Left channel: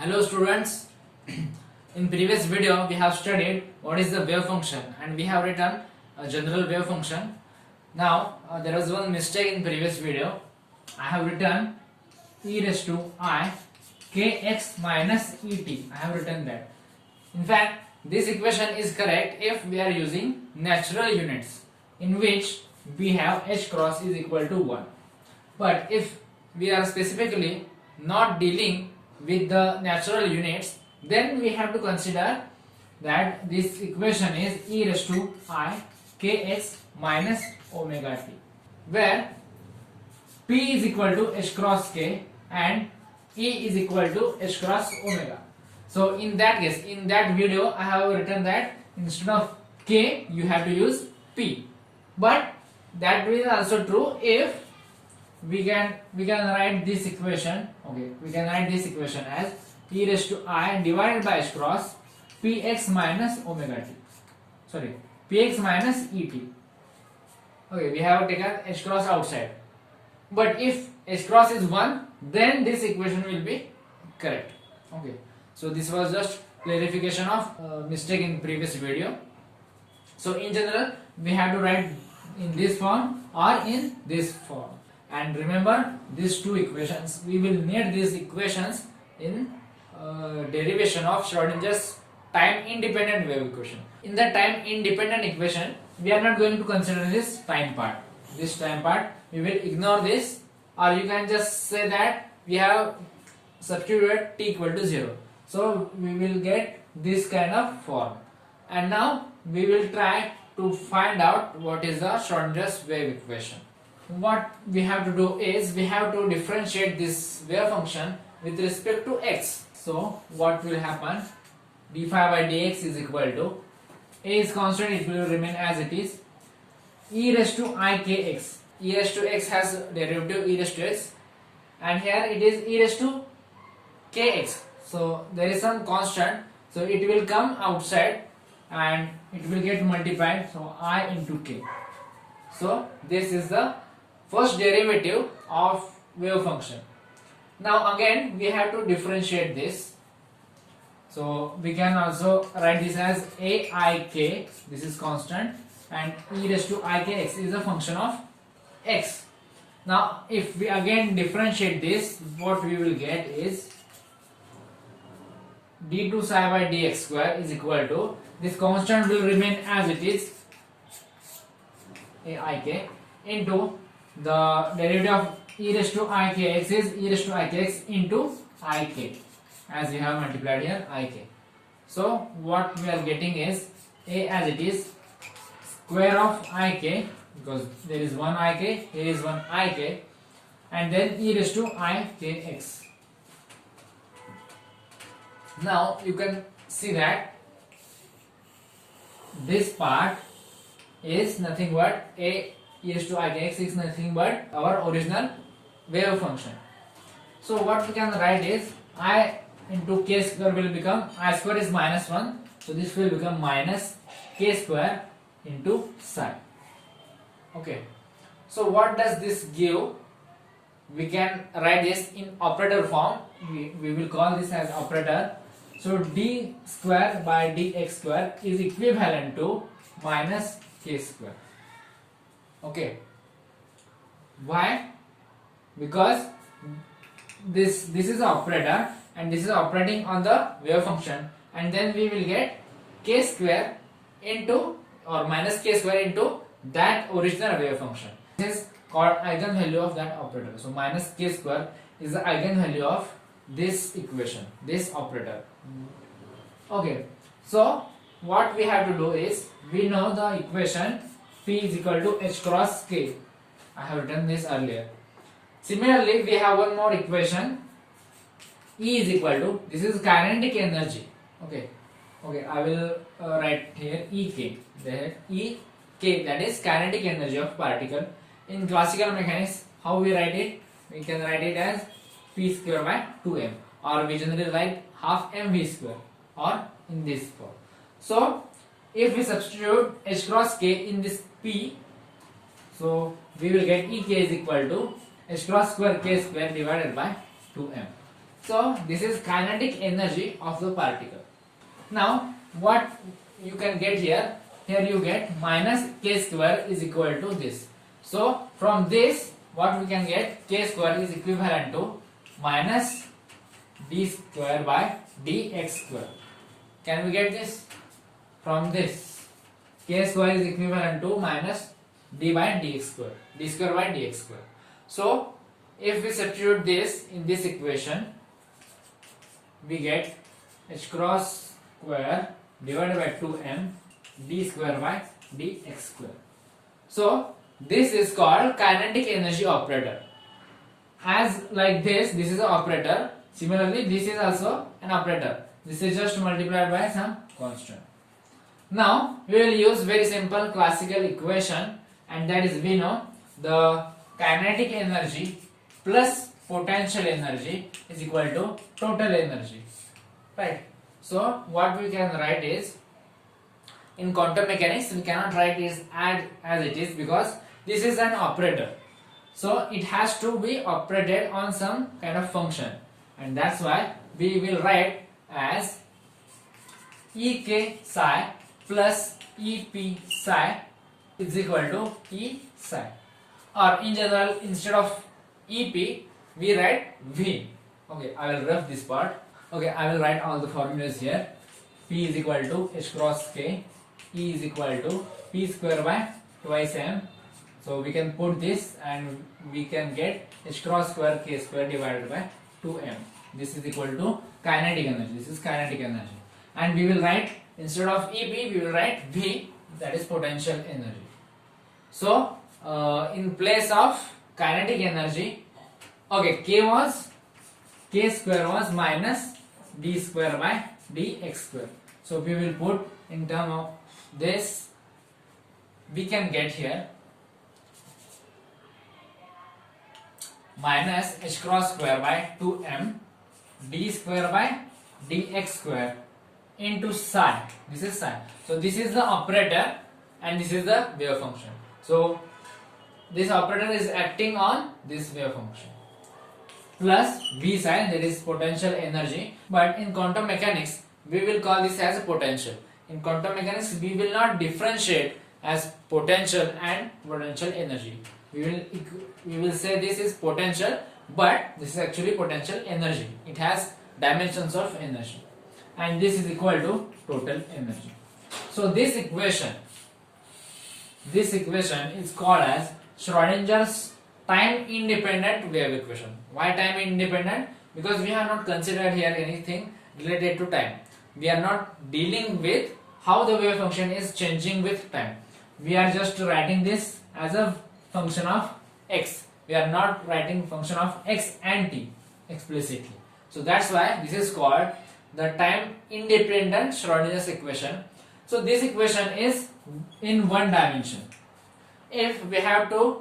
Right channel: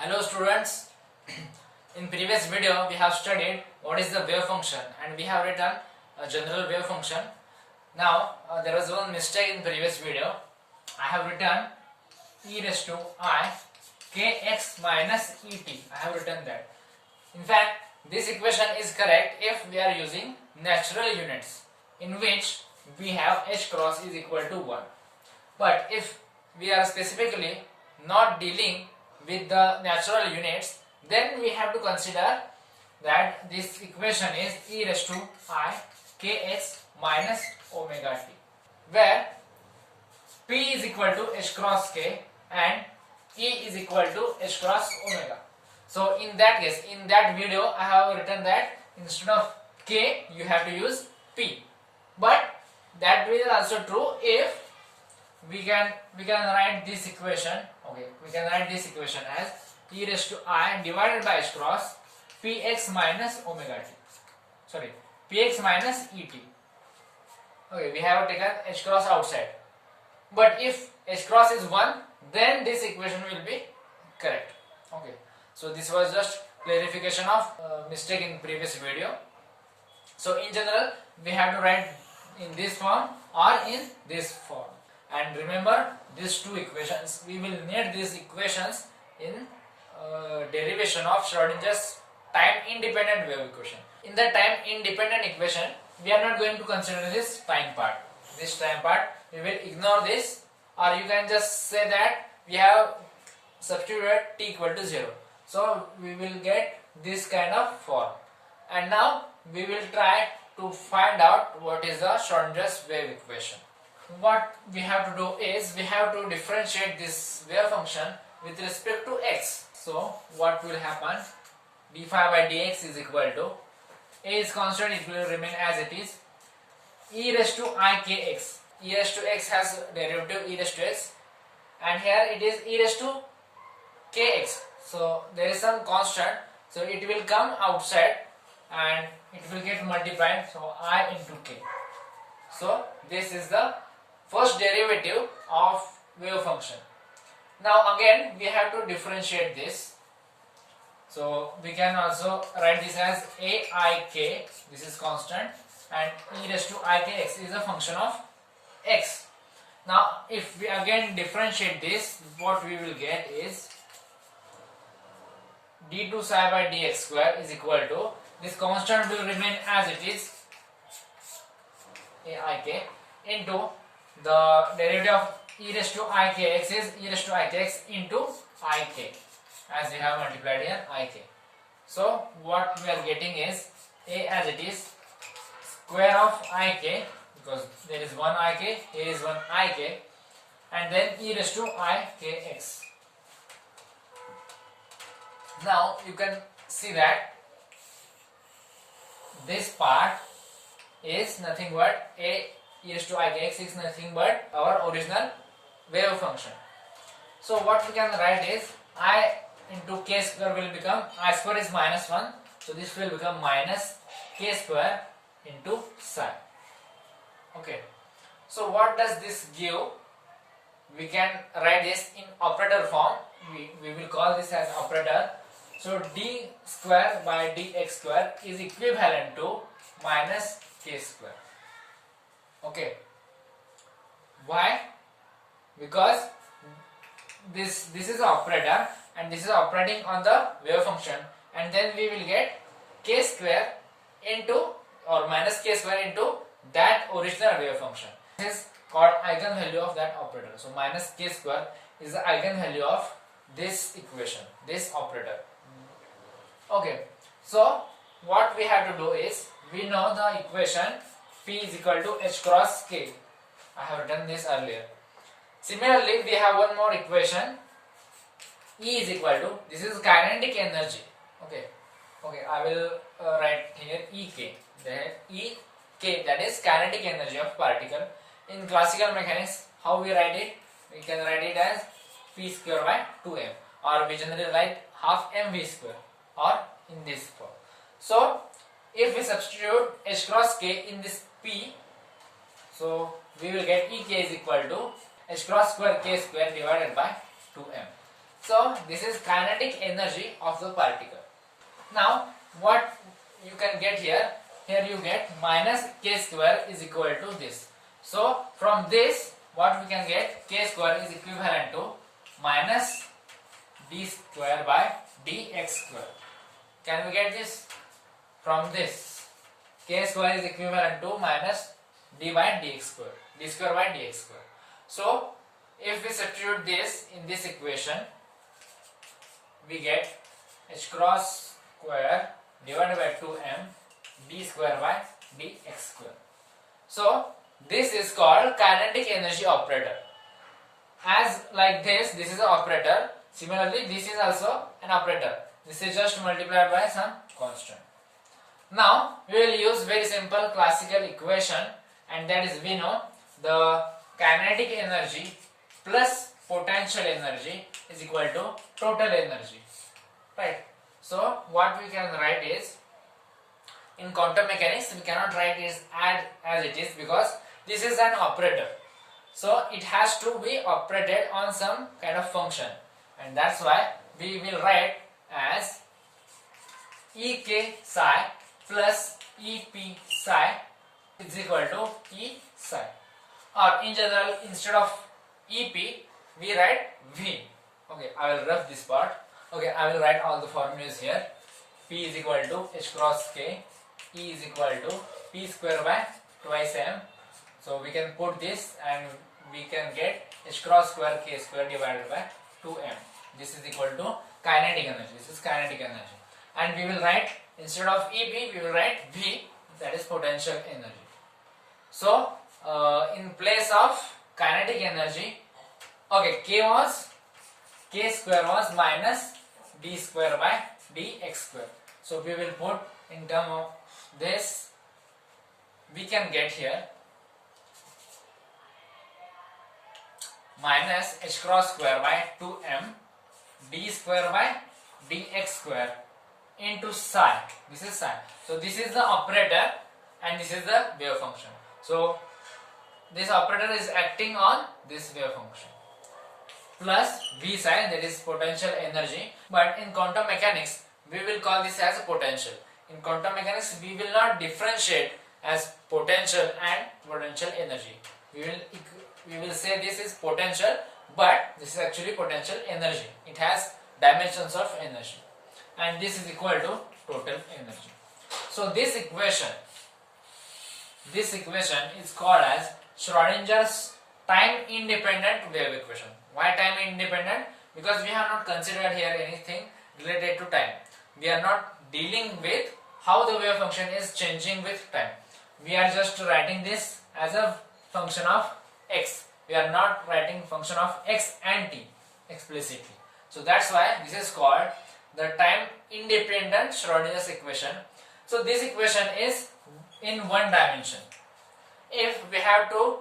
Hello students, in previous video we have studied what is the wave function and we have written a general wave function. Now there was one mistake in previous video. I have written e raised to I kx minus et. I have written that. In fact, this equation is correct if we are using natural units in which we have h cross is equal to 1. But if we are specifically not dealing with the natural units, then we have to consider that this equation is e raised to I kx minus omega t, where p is equal to h cross k and e is equal to h cross omega. So in that case, in that video I have written that instead of k you have to use p, but that is also true if we can write this equation. Okay, we can write this equation as e raised to I divided by h cross px minus omega t, sorry, px minus et. Okay, we have taken h cross outside, but if h cross is 1, then this equation will be correct. Okay, so this was just clarification of mistake in previous video. So in general we have to write in this form or in this form. And remember these two equations, we will need these equations in derivation of Schrodinger's time independent wave equation. In the time independent equation, we are not going to consider this time part. This time part we will ignore this, or you can just say that we have substituted t equal to 0. So we will get this kind of form. And now we will try to find out what is the Schrodinger's wave equation. What we have to do is we have to differentiate this wave function with respect to x. So what will happen? d phi by dx is equal to a is constant, it will remain as it is, e raised to I kx. E raised to x has derivative e raised to x, and here it is e raised to kx. So there is some constant, so it will come outside and it will get multiplied, so I into k. So this is the first derivative of wave function. Now again we have to differentiate this. So we can also write this as aik, this is constant, and e raised to ikx is a function of x. Now if we again differentiate this, what we will get is d2 psi by dx square is equal to, this constant will remain as it is, aik, into the derivative of e raised to ikx is e raised to ikx into ik, as we have multiplied here ik. So what we are getting is a as it is square of ik, because there is one ik, here is one ik, and then e raised to ikx. Now you can see that this part is nothing but a e raised to ikx is nothing but our original wave function. So what we can write is I into k square will become, I square is minus 1, so this will become minus k square into psi. Okay, so what does this give? We can write this in operator form. We will call this as operator. So d square by dx square is equivalent to minus k square. Okay, why? Because this is an operator and this is operating on the wave function, and then we will get k square into or minus k square into that original wave function. This is called eigenvalue of that operator. So minus k square is the eigenvalue of this equation, this operator. Okay, so what we have to do is, we know the equation P is equal to h cross k. I have written this earlier. Similarly, we have one more equation, E is equal to, this is kinetic energy. Okay, I will write here Ek. There Ek, that is kinetic energy of particle. In classical mechanics, how we write it? We can write it as P square by 2m, or we generally write half mv square, or in this form. So if we substitute h cross k in this P, so we will get Ek is equal to h cross square k square divided by 2m. So this is kinetic energy of the particle. Now what you can get here? Here you get minus k square is equal to this. So from this what we can get, k square is equivalent to minus d square by dx square. Can we get this? From this, k square is equivalent to minus d by dx square, d square by dx square. So if we substitute this in this equation, we get h cross square divided by 2m d square by dx square. So this is called kinetic energy operator. As like this is an operator. Similarly, this is also an operator. This is just multiplied by some constant. Now we will use very simple classical equation, and that is, we know the kinetic energy plus potential energy is equal to total energy, right? So what we can write is, in quantum mechanics we cannot write it as it is, because this is an operator, so it has to be operated on some kind of function, and that's why we will write as ek psi plus ep psi is equal to e psi, or in general instead of ep we write v. Okay, I will rough this part. Okay, I will write all the formulas here. P is equal to h cross k, E is equal to p square by twice m. So we can put this and we can get h cross square k square divided by 2m. This is equal to kinetic energy. This is kinetic energy. And we will write, instead of EP, we will write V, that is potential energy. So in place of kinetic energy, okay, k square was minus d square by dx square. So we will put in term of this, we can get here minus h cross square by 2m d square by dx square into psi. This is psi. So this is the operator and this is the wave function. So this operator is acting on this wave function, plus v psi, that is potential energy. But in quantum mechanics we will call this as potential. In quantum mechanics we will not differentiate as potential and potential energy. We will say this is potential, but this is actually potential energy. It has dimensions of energy, and this is equal to total energy. So this equation is called as Schrodinger's time independent wave equation. Why time independent? Because we have not considered here anything related to time. We are not dealing with how the wave function is changing with time. We are just writing this as a function of x. We are not writing function of x and t explicitly. So that's why this is called the time independent Schrodinger's equation. So this equation is in one dimension. If we have to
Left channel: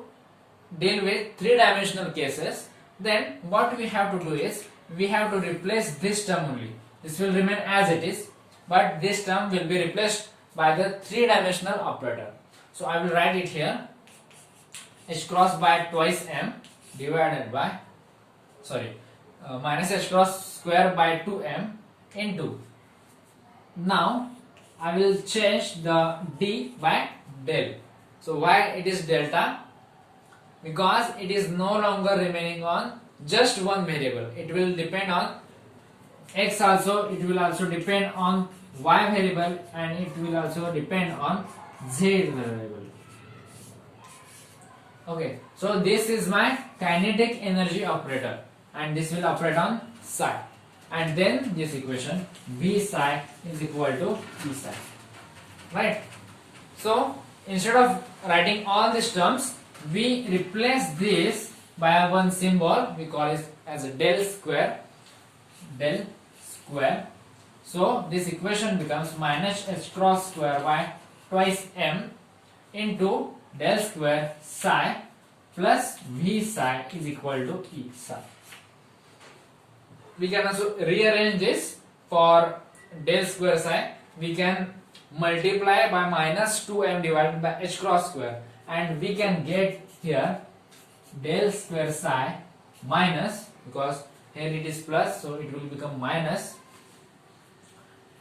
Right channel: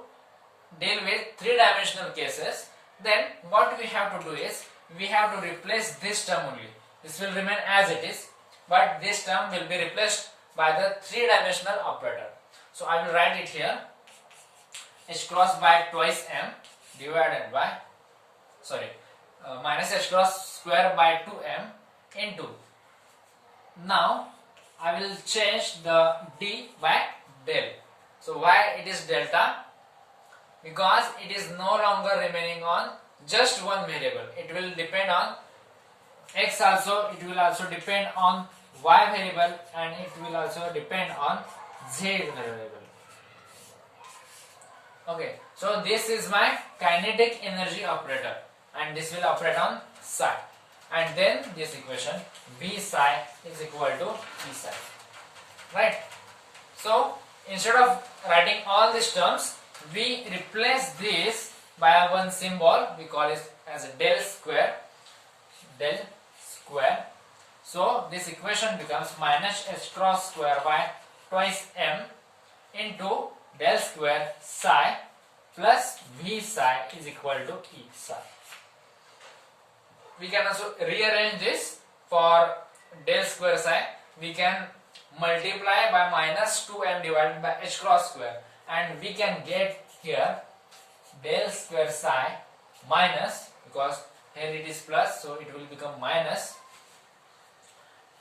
deal with three-dimensional cases, then what we have to do is we have to replace this term only. This will remain as it is, but this term will be replaced by the three-dimensional operator. So I will write it here, h cross by twice m divided by minus h cross square by 2m into, now I will change the d by del. So why it is delta? Because it is no longer remaining on just one variable. It will depend on x also, it will also depend on y variable, and it will also depend on z variable. Okay, so this is my kinetic energy operator, and this will operate on psi, and then this equation v psi is equal to p psi, right? So instead of writing all these terms, we replace this by one symbol. We call it as a del square. So this equation becomes minus h cross square by twice m into del square psi plus v psi is equal to e psi. We can also rearrange this. For del square psi, we can multiply by minus 2m divided by h cross square, and we can get here del square psi minus, because here it is plus, so it will become minus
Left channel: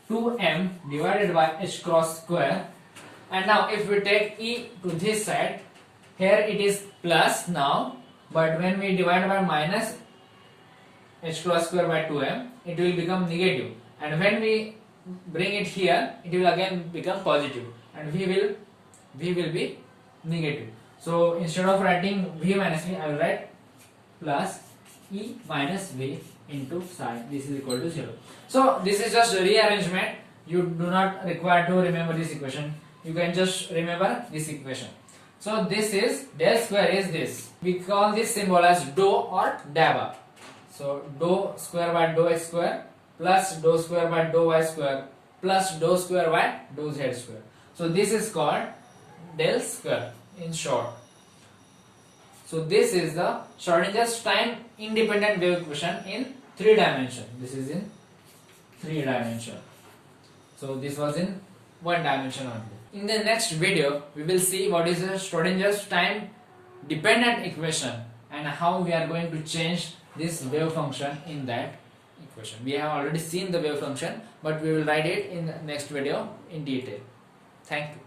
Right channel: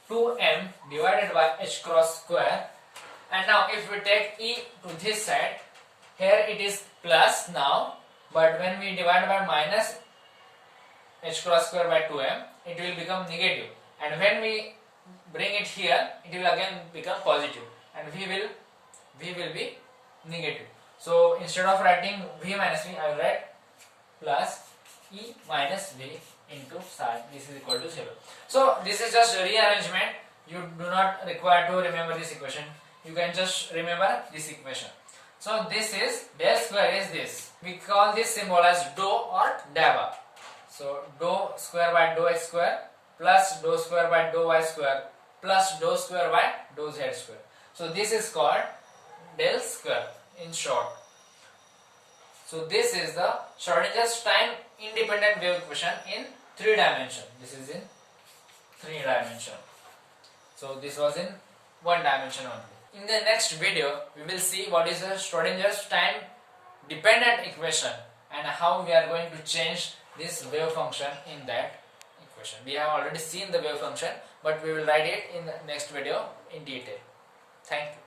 2m divided by h cross square. And now if we take e to this side, here it is plus now, but when we divide by minus h cross square by 2m, it will become negative, and when we bring it here, it will again become positive, and v will be negative. So instead of writing v minus v, I will write plus e minus v into sine. This is equal to 0. So this is just a rearrangement. You do not require to remember this equation. You can just remember this equation. So this is del square is this. We call this symbol as dou or dabba. So dou square by dou x square plus dou square by dou y square plus dou square by dou z square. So this is called del square in short. So this is the Schrodinger's time independent wave equation in 3 dimension. This is in 3 dimension. So this was in 1 dimension only. In the next video, we will see what is the Schrodinger's time dependent equation and how we are going to change this wave function in that equation. We have already seen the wave function, but we will write it in the next video in detail. Thank you.